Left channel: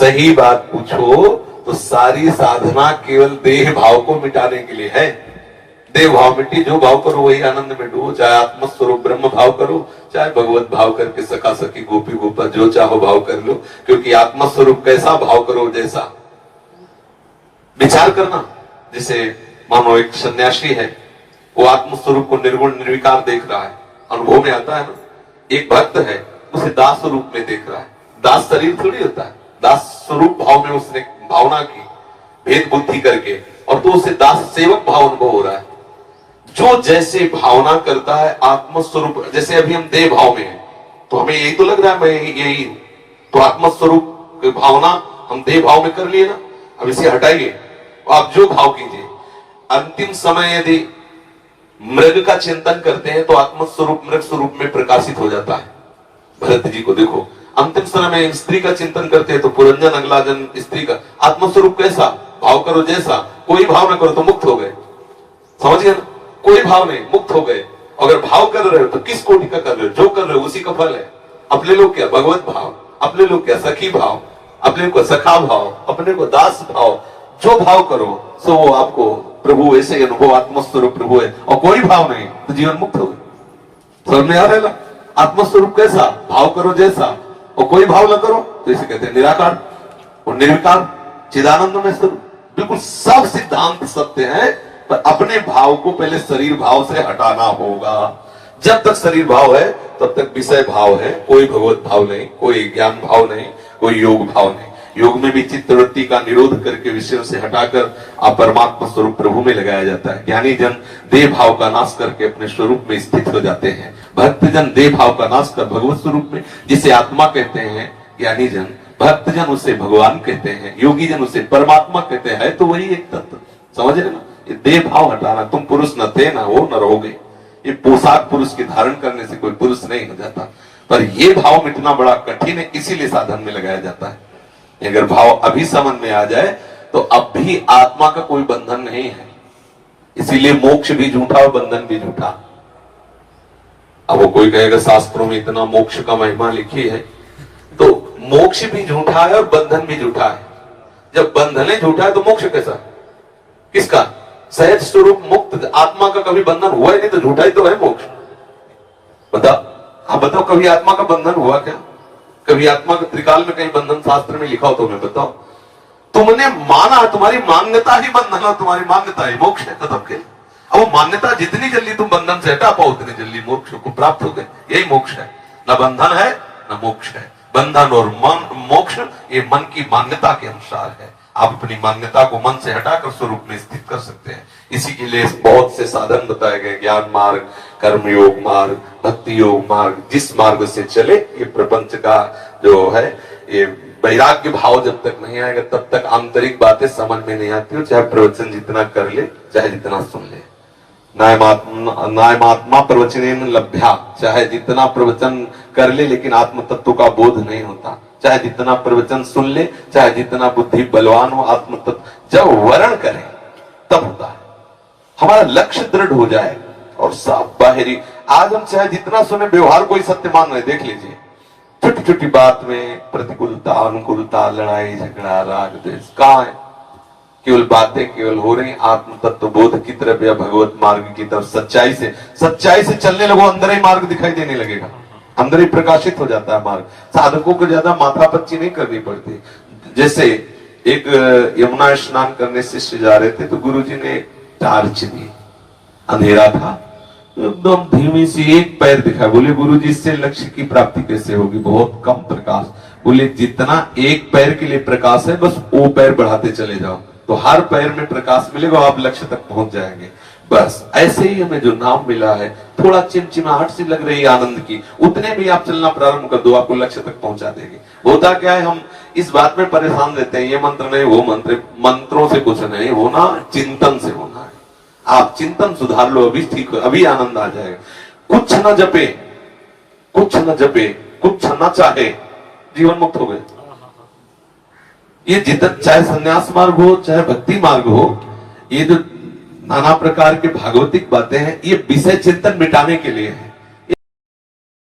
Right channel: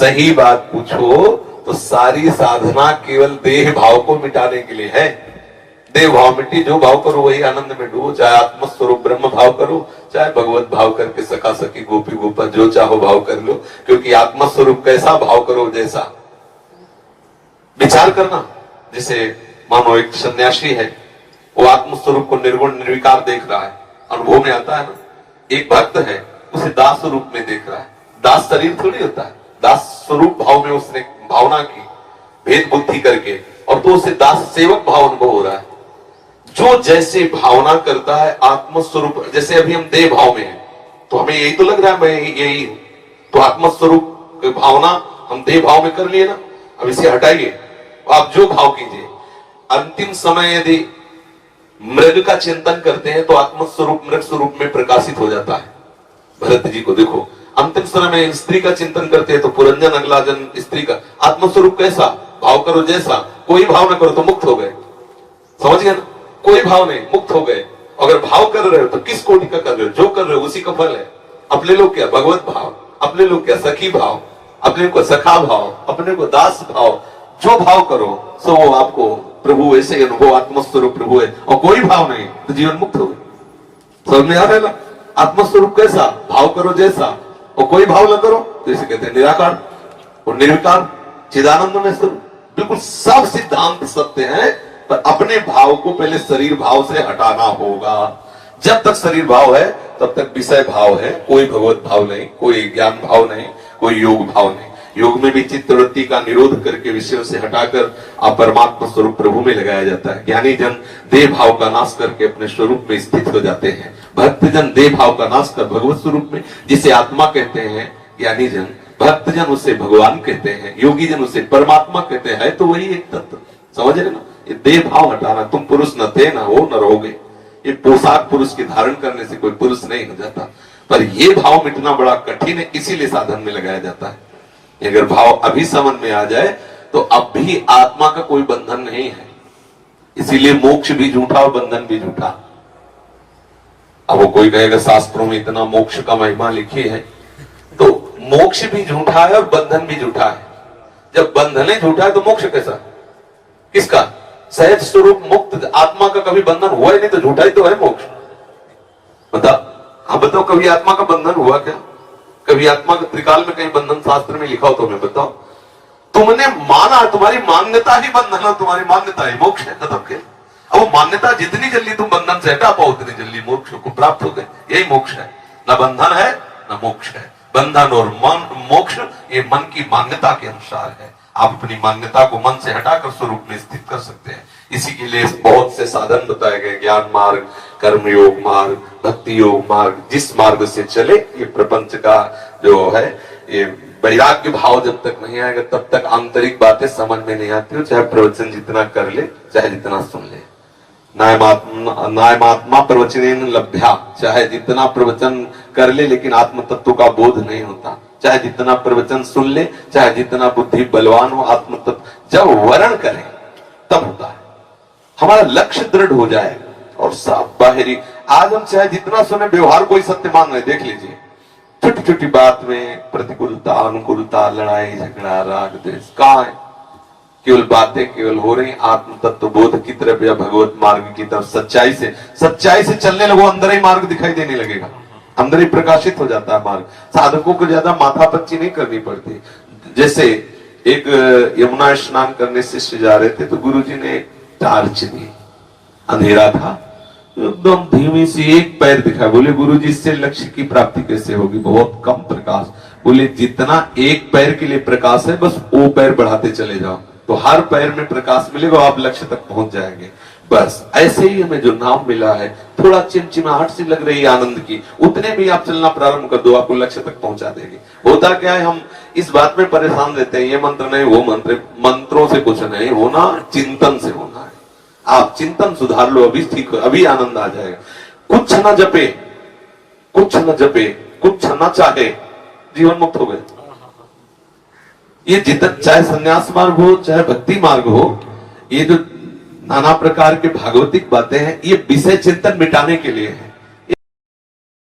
सही बात पूछो तो सारी साधना केवल देह भाव को मिटाने के लिए है। देह भाव मिट्टी, जो भाव करो वही आनंद में डूबो, चाहे आत्मस्वरूप ब्रह्म भाव करो, चाहे भगवत भाव करके सखा सखी गोपी गोपा जो चाहो भाव कर लो। क्योंकि आत्मस्वरूप कैसा भाव करो जैसा विचार करना। जैसे मानो एक सन्यासी है, वो आत्मस्वरूप को निर्गुण निर्विकार देख रहा है, अनुभव में आता है ना। एक भक्त है, उसे दास रूप में देख रहा है। दास शरीर थोड़ी होता है, दास स्वरूप भाव में उसने भावना की भेद बुद्धि करके, और तो उसे दास सेवक भाव अनुभव हो रहा है। जो जैसे भावना करता है आत्मस्वरूप, जैसे अभी हम देह भाव में हैं तो हमें यही तो लग रहा है मैं यही हूं, तो आत्मस्वरूप की भावना हम देह भाव में कर लिए ना। अब इसे हटाइए, आप जो भाव कीजिए। अंतिम समय यदि मृग का चिंतन करते हैं तो आत्मस्वरूप मृग स्वरूप में प्रकाशित हो जाता है। भरत जी को देखो, अंतिम समय में स्त्री का चिंतन करते हैं तो पुरंजन अगला जन्म स्त्री का। आत्मस्वरूप कैसा भाव करो जैसा, कोई भाव न करो तो मुक्त हो गए। समझ गए ना, कोई भाव नहीं, मुक्त हो गए। अगर भाव कर रहे हो तो किस कोटि का कर रहे हो, जो कर रहे हो उसी का फल है। अपने लोग क्या भगवत भाव, अपने लोग क्या सखी भाव, अपने को सखा भाव, अपने को दास भाव, जो भाव करो सो वो आपको प्रभु ऐसे ही अनुभव, आत्मस्वरूप प्रभु है। और कोई भाव नहीं तो जीवन मुक्त हो गए। समझ में आ रहा है ना। आत्मस्वरूप कैसा भाव करो जैसा, और कोई भाव न करो तो इसे कहते हैं निराकार और निर्विकार चिदानंद में स्वरूप। बिल्कुल सब सिद्धांत सत्य है, पर अपने भाव को पहले शरीर भाव से हटाना होगा। जब तक शरीर भाव है तब तक विषय भाव है, कोई भगवत भाव नहीं, कोई ज्ञान भाव नहीं, कोई योग भाव नहीं। योग में भी चित्तवृत्ति का निरोध करके विषयों से हटाकर आप परमात्मा स्वरूप प्रभु में लगाया जाता है। ज्ञानी जन देह भाव का नाश करके अपने स्वरूप में स्थित हो जाते हैं। भक्त जन देह भाव का नाश कर भगवत स्वरूप में, जिसे आत्मा कहते हैं ज्ञानी जन, भक्त जन उसे भगवान कहते हैं, योगी जन उसे परमात्मा कहते हैं। तो वही एक तत्व, समझ रहे ना। ये देह भाव हटाना, तुम पुरुष न थे ना हो न रहोगे। ये पोशाक पुरुष की धारण करने से कोई पुरुष नहीं हो जाता, पर ये भाव मिटना बड़ा कठिन है, इसीलिए साधन में लगाया जाता है। अगर भाव अभी समझ में आ जाए तो अब भी आत्मा का कोई बंधन नहीं है। इसीलिए मोक्ष भी झूठा और बंधन भी झूठा। अब वो कोई कहेगा शास्त्रों में इतना मोक्ष का महिमा लिखी है, तो मोक्ष भी झूठा है और बंधन भी झूठा है। जब बंधन ही झूठा है तो मोक्ष कैसा, किसका? सहज स्वरूप मुक्त आत्मा का कभी बंधन हुआ ही नहीं, तो झूठा ही तो है मोक्ष। बता, आप बताओ कभी आत्मा का बंधन हुआ क्या? कभी आत्मा का त्रिकाल में कहीं बंधन शास्त्र में लिखा हो तो मैं बताओ। तुमने माना, तुम्हारी मान्यता ही बंधन हो, तुम्हारी मान्यता ही मोक्ष है। तब के अब वो मान्यता जितनी जल्दी तुम बंधन से हटा पाओ उतनी जल्दी मोक्ष को प्राप्त हो गए। यही मोक्ष है, न बंधन है न मोक्ष है। बंधन और मोक्ष ये मन की मान्यता के अनुसार है। आप अपनी मान्यता को मन से हटाकर स्वरूप में स्थित कर सकते हैं। इसी के लिए बहुत से साधन बताए गए, ज्ञान मार्ग, कर्म योग मार्ग, भक्ति योग मार्ग। जिस मार्ग से चले, ये प्रपंच का जो है ये वैराग्य भाव जब तक नहीं आएगा तब तक आंतरिक बातें समझ में नहीं आती। चाहे प्रवचन जितना कर ले, चाहे जितना सुन ले। नायमात्मा प्रवचन लभ्या, चाहे जितना प्रवचन कर ले लेकिन आत्म तत्व का बोध नहीं होता। चाहे जितना प्रवचन सुन ले, चाहे जितना बुद्धि बलवान हो, आत्म तत्व जब वर्ण करें तब होता है। हमारा लक्ष्य दृढ़ हो जाए और साफ बाहरी। आज हम चाहे जितना सुने, व्यवहार कोई सत्य मान रहे, देख लीजिए। छोटी छोटी बात में प्रतिकूलता अनुकूलता, लड़ाई झगड़ा, राग द्वेष कहाँ है? केवल बातें केवल हो रही। आत्म तत्व बोध की तरफ या भगवत मार्ग की तरफ सच्चाई से चलने लगो, अंदर ही मार्ग दिखाई देने लगेगा, अंदर ही प्रकाशित हो जाता है मार्ग। साधकों को ज्यादा माथापच्ची नहीं करनी पड़ती। जैसे एक यमुना स्नान करने शिष्य जा रहे थे तो गुरुजी ने टार्च दी, अंधेरा था, एकदम धीमी सी एक पैर दिखा। बोले गुरुजी इससे लक्ष्य की प्राप्ति कैसे होगी, बहुत कम प्रकाश। बोले जितना एक पैर के लिए प्रकाश है बस वो पैर बढ़ाते चले जाओ तो हर पैर में प्रकाश मिलेगा, आप लक्ष्य तक पहुंच जाएंगे। बस ऐसे ही हमें जो नाम मिला है, थोड़ा चिमचिमाहट सी लग रही है आनंद की, उतने भी आप चलना प्रारंभ कर दो, आपको लक्ष्य तक पहुंचा देंगे। होता क्या है, हम इस बात में परेशान रहते हैं, ये मंत्र नहीं वो मंत्र। मंत्रों से कुछ नहीं होना, चिंतन से होना है। आप चिंतन सुधार लो, अभी ठीक हो, अभी आनंद आ जाएगा। कुछ न जपे, कुछ न जपे, कुछ न चाहे, जीवन मुक्त हो गए। ये जितना चाहे संन्यास मार्ग हो चाहे भक्ति मार्ग हो, ये जो नाना प्रकार के भागवतिक बातें हैं, ये विषय चिंतन मिटाने के लिए है।